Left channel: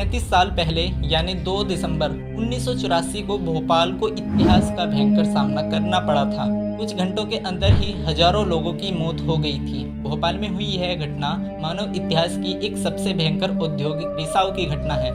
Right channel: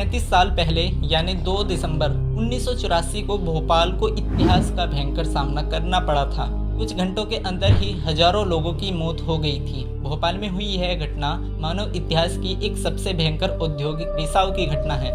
37 साल पहले यानी 2 दिसंबर 1984 को भोपाल को इतिहास का भयंकर सामना करना पड़ा था। कुछ घंटों के अंदर ही हजारों लोगों की मौत हो गई थी। भोपाल में हुई यह घटना मानव इतिहास की एक सबसे भयंकर औद्योगिक रिसाव की घटना है।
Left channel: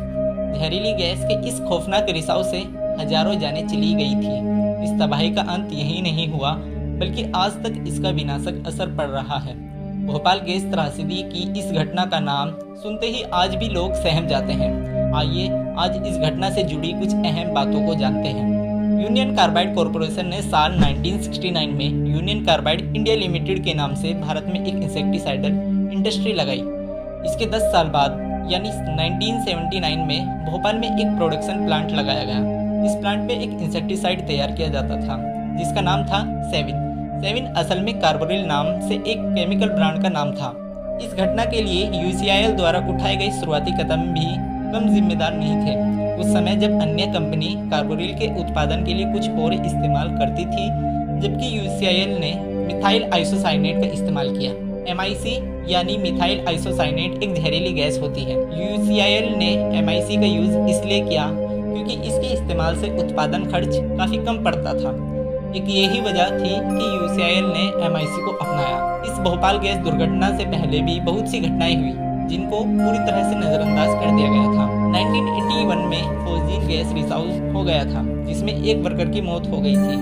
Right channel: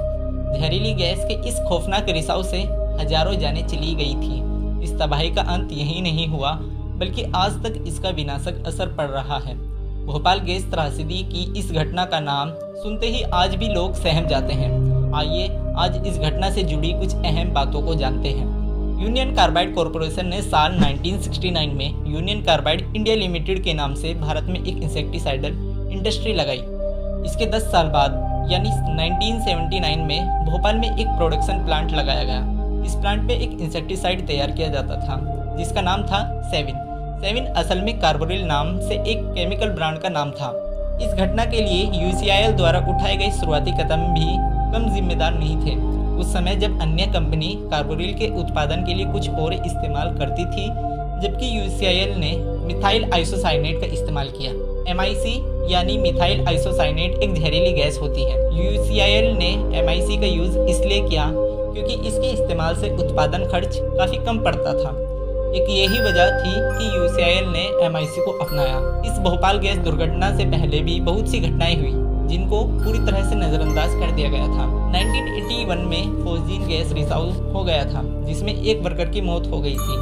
जहरीली गैस के इस खौफनाक रिसाव से हजारों जानें चली गई थी। इस तबाही का अंत यही नहीं हुआ बल्कि आज तक इसका विनाशक असर पड़ रहा है। भोपाल गैस त्रासदी की इस घटना का नाम सुनते ही आज भी लोग सहम जाते हैं। आइए आज इस घटना से जुड़ी कुछ अहम बातों को जानते हैं। यूनियन कार्बाइड कॉरपोरेशन ने साल 1969 में यूनियन कार्बाइड इंडिया लिमिटेड के नाम से भारत में एक इंसेक्टिसाइडल इंडस्ट्री लगाई। इसके 10 साल बाद यानी 1979 में भोपाल में एक प्रोडक्शन प्लांट लगाया गया। इस प्लांट में एक इंसेक्टिसाइड तैयार किया जाता था जिसका नाम था सेविन। सेविन असल में कार्बोरिल नाम से एक केमिकल ब्रांड का नाम था। इस घटना के लिए यूसीआईएल द्वारा उठाए गए शुरुआती कदम भी कम जिम्मेदार नहीं थे। उस समय जब अन्य कंपनी कार्बोरिल के उत्पादन के लिए कुछ और इस्तेमाल करती थी, जबकि यूसीआईएल ने मिथाइल आइसोसाइनेट का इस्तेमाल किया। MIC यानी मिथाइल आइसोसाइनेट एक जहरीली गैस होती है। यूसीआईएल ने MIC का यूज़ इसलिए किया क्योंकि इसके इस्तेमाल से उत्पादन खर्च काफ़ी कम पड़ता था। एक यही वजह थी कि यूसीआईएल ने MIC को अपनाया। इस भोपाल गैस दुर्घटना से पहले भी बहुत सी घटनाएं हुई जिनको पूरी तरह से नज़रअंदाज कर दिया गया था। 1981 में फोस्जीन गैस रिसाव हो गया था जिसमें एक वर्कर की मौत हो गई थी।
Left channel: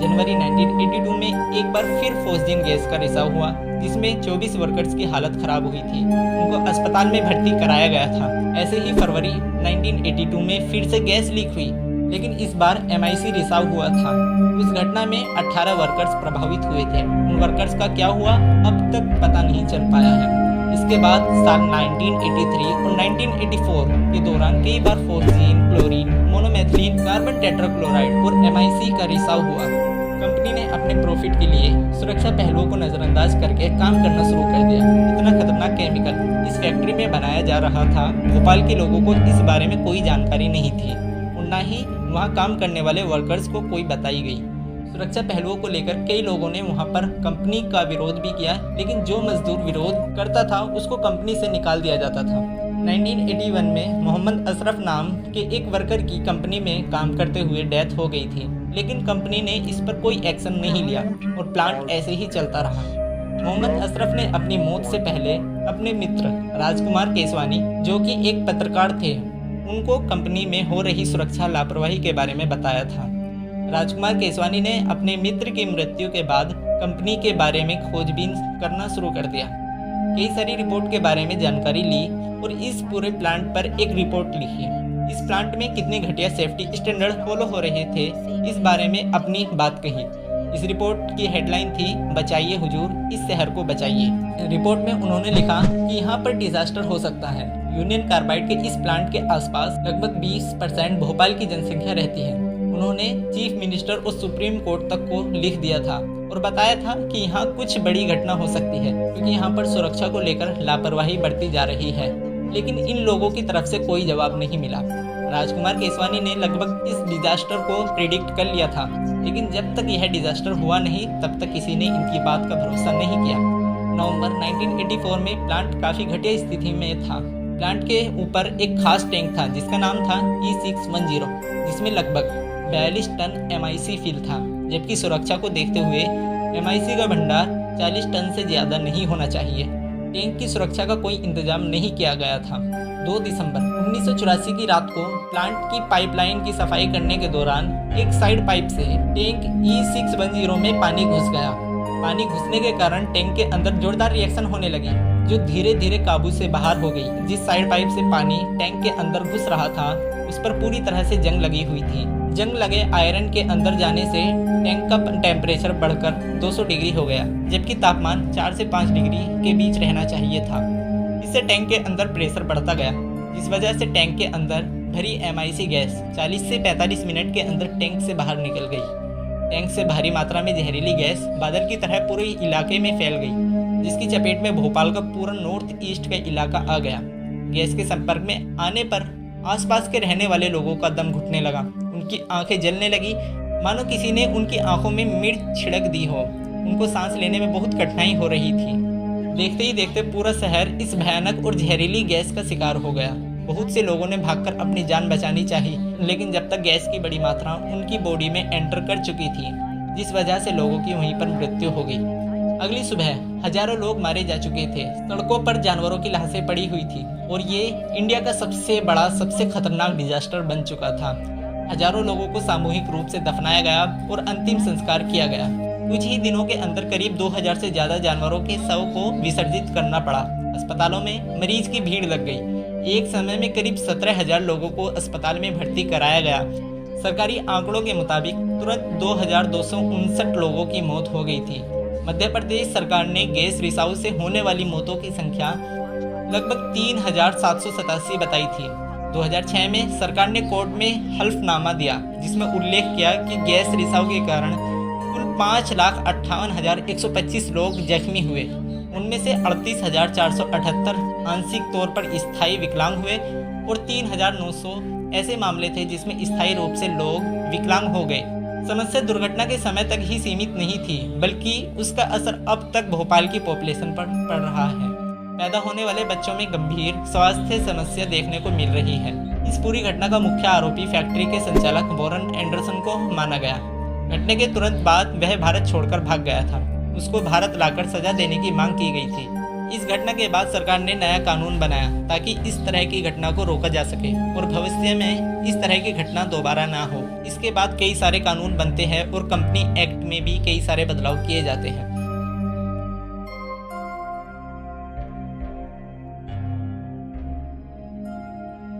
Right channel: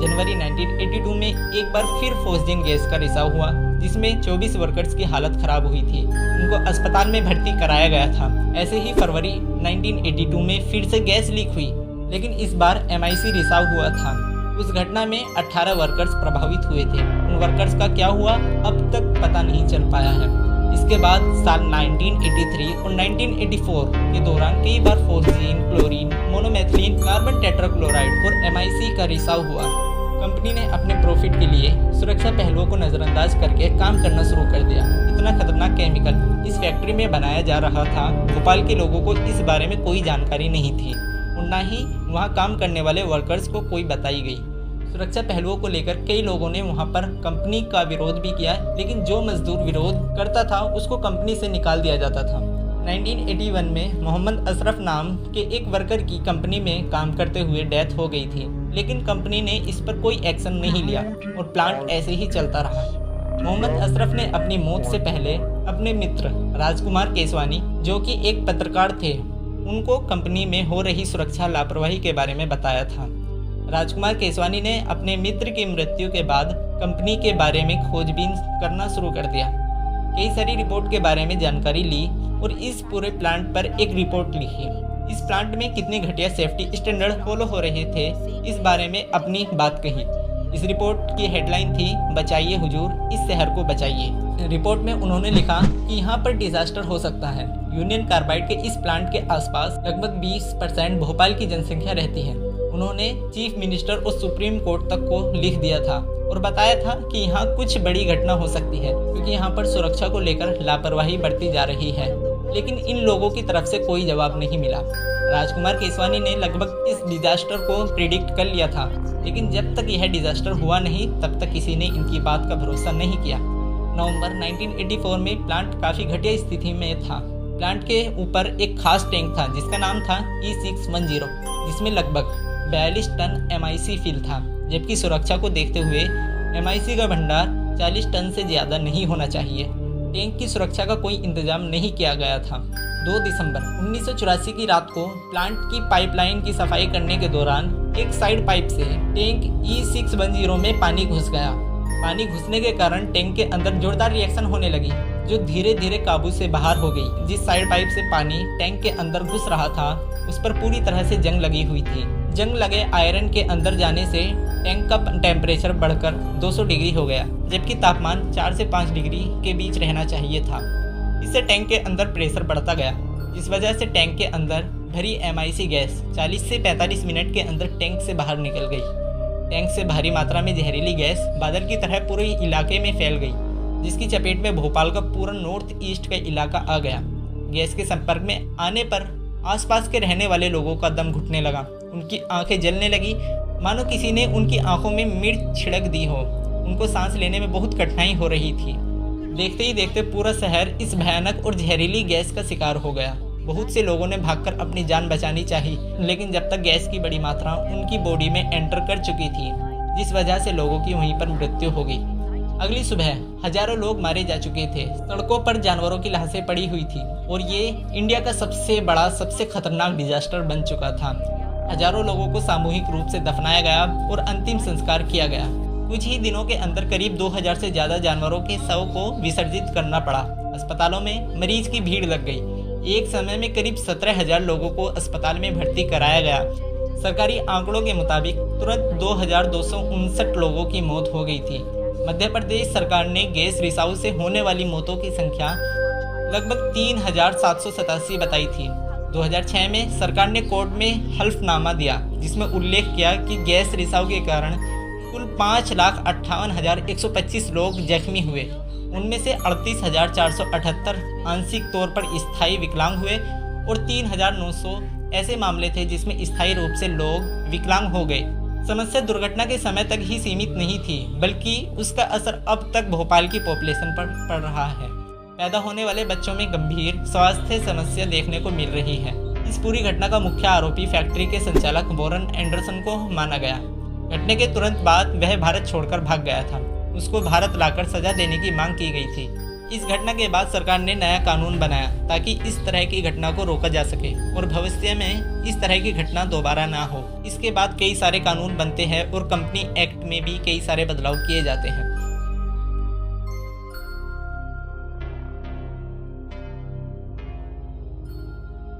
जनवरी 1982 में एक बार फिर फोस्जीन गैस का रिसाव हुआ जिसमें 24 वर्कर्स की हालत खराब हुई थी। उनको अस्पताल में भर्ती कराया गया था। ऐसे ही फरवरी 1982 में फिर से गैस लीक हुई, लेकिन इस बार MIC रिसाव हुआ था। उस घटना में 18 वर्कर्स प्रभावित हुए थे। उन वर्कर्स का क्या हुआ अब तक पता नहीं चल पाया है। इसके बाद साल 1983 और 1984 के दौरान कई बार फोस्जीन, क्लोरीन, मोनोमेथिलीन, कार्बन टेट्राक्लोराइड और MIC का रिसाव हुआ। कंपनी ने अपने प्रॉफिट के लिए सुरक्षा पहलुओं को नज़रअंदाज करके काम करना शुरू कर दिया। इतना खतरनाक केमिकल इस फैक्ट्री में बनाया जा रहा था, भोपाल के लोगों को इस बारे में कोई जानकारी नहीं थी और न ही वहाँ काम करने वाले वर्कर्स को कोई बताई गई। सुरक्षा पहलुओं को लेकर कई लोगों ने वहाँ पर कंपनी का विरोध भी किया, लेकिन जो मजदूर विरोध करता था उसको कंपनी से निकाल दिया जाता था। 1981 में मोहम्मद अशरफ नाम के एक वर्कर की कंपनी में काम करते हुए डेथ हो गई थी, लेकिन कंपनी ने इस पर कोई एक्शन नहीं लिया और प्लांट ऐसे ही चलता रहा। मोहम्मद अशरफ ने अपनी मौत से पहले अपने मित्र राजकुमार केसवानी, जो कि एक पत्रकार थे, उनको कंपनी में हो रही सुरक्षा लापरवाही के बारे में बताया था। राजकुमार केसवानी ने अपने मित्र की मृत्यु के बाद कंपनी के बारे में खोजबीन करना शुरू कर दिया। कई सारी रिपोर्ट के बारे में जानकारी ली और इस पूरे प्लांट पर एक रिपोर्ट लिखी। इस प्लांट में कितने घटिया सेफ्टी स्टैंडर्ड फॉलो हो रहे थे, इस बारे में अपनी बात कही। इस रिपोर्ट की हेडलाइन थी, बचाइए हुजूर, इस शहर को बचाइए। रिपोर्ट में उन्होंने लिखा कि यहाँ पर डिजास्टर हो सकता है। यूनियन कार्बाइड के इस प्लांट के आसपास लगभग 20% भोपाल की जनसंख्या रहती है। उन्होंने चीफ मिनिस्टर और सुप्रीम कोर्ट तक को लिख दिया था और बताया था कि यहाँ कुछ बड़ी घटना हो सकती है क्योंकि यहाँ पर सुरक्षा को लेकर लापरवाही बढ़ती जा रही है, लेकिन इन लोगों की तरफ से कोई जवाब नहीं मिला। राजकुमार केसवानी ने लगभग इस डिजास्टर को प्रिडिक्ट कर लिया था, लेकिन जब तक यह डिजास्टर हुआ नहीं तब तक किसी ने इनकी बात का भरोसा नहीं किया। नवंबर 1984 में प्लांट काफ़ी घटिया स्थिति में था। प्लांट के ऊपर एक खास टैंक था जिसका नाम था E610, जिसमें लगभग 42 टन MIC फिल था, जबकि सुरक्षा को देखते हुए MIC का भंडार 40 टन से ज़्यादा नहीं होना चाहिए। टैंक की सुरक्षा का कोई इंतजाम नहीं किया गया था। 2 दिसंबर 1984 की रात को प्लांट की पाइपलाइन की सफाई करने के दौरान एक साइड पाइप से टैंक E610 में पानी घुस गया। पानी घुसने के कारण टैंक के अंदर जोरदार रिएक्शन होने लगी, जो धीरे धीरे काबू से बाहर हो गई। जिस साइड पाइप से पानी टैंक के अंदर घुस रहा था उस पर पूरी तरह से जंग लगी हुई थी। जंग लगे आयरन के अंदर जाने से टैंक का टेम्परेचर बढ़कर 200 डिग्री हो गया, जबकि तापमान 4 से 5 डिग्री के बीच रहना चाहिए था। इससे टैंक के अंदर प्रेशर बढ़ता गया, जिस वजह से टैंक के अंदर भरी MIC गैस 40 से 45 मिनट के अंदर टैंक से बाहर निकल गई। टैंक से भारी मात्रा में जहरीली गैस बादल की तरह पूरे इलाके में फैल गई, जिसकी चपेट में भोपाल का पूरा नॉर्थ ईस्ट का इलाका आ गया। गैस के संपर्क में आने पर आसपास के रहने वाले लोगों का दम घुटने लगा। उनकी आंखें जलने लगी, मानो किसी ने उनकी आंखों में मिर्च छिड़क दी हो। उनको सांस लेने में बहुत कठिनाई हो रही थी। देखते ही देखते पूरा शहर इस भयानक और जहरीली गैस का शिकार हो गया। बहुत से लोगों ने भागकर अपनी जान बचानी चाही, लेकिन जब तक गैस की बड़ी मात्रा उनकी बॉडी में एंटर कर चुकी थी, जिस वजह से लोगों की वहीं पर मृत्यु हो गई। अगली सुबह हजारों लोग मारे जा चुके थे, सड़कों पर जानवरों की लाशें पड़ी हुई थी और ये इंडिया का सबसे बड़ा, सबसे खतरनाक डिजास्टर बन चुका था। हजारों लोगों को सामूहिक रूप से दफनाया गया और अंतिम संस्कार किया गया। कुछ ही दिनों के अंदर करीब 2000 से ज़्यादा जानवरों के शव को विसर्जित करना पड़ा। अस्पतालों में मरीज की भीड़ लग गई। एक समय में करीब 17,000 लोगों को अस्पताल में भर्ती कराया गया। सरकारी आंकड़ों के मुताबिक तुरंत 2259 लोगों की मौत हो गई थी। मध्य प्रदेश सरकार ने गैस रिसाव से होने वाली मौतों की संख्या लगभग 3787 बताई थी। 2006 में सरकार ने कोर्ट में हल्फनामा दिया, जिसमें उल्लेख किया कि गैस रिसाव के कारण कुल 5,58,125 लोग जख्मी हुए। उनमें से 38,478 आंशिक तौर पर स्थायी विकलांग हुए और 3,900 ऐसे मामले थे जिसमें स्थायी रूप से लोग विकलांग हो गए। समस्या दुर्घटना के समय तक ही सीमित नहीं थी, बल्कि उसका असर अब तक भोपाल की पॉपुलेशन पर पड़ रहा है। पैदा होने वाले बच्चों में गंभीर स्वास्थ्य समस्या देखने को मिल रही है। इस पूरी घटना का मुख्य आरोपी फैक्ट्री के संचालक वॉरेन एंडरसन को माना गया। घटना के तुरंत बाद वह भारत छोड़कर भाग गया था। उसको भारत लाकर सजा देने की मांग की गई थी। इस घटना के बाद सरकार ने नया कानून बनाया ताकि इस तरह की घटना को रोका जा सके और भविष्य में इस तरह की घटना दोबारा ना हो। इसके बाद कई सारे कानून बनते हैं और कंपनी एक्ट में भी कई सारे बदलाव किए जाते हैं।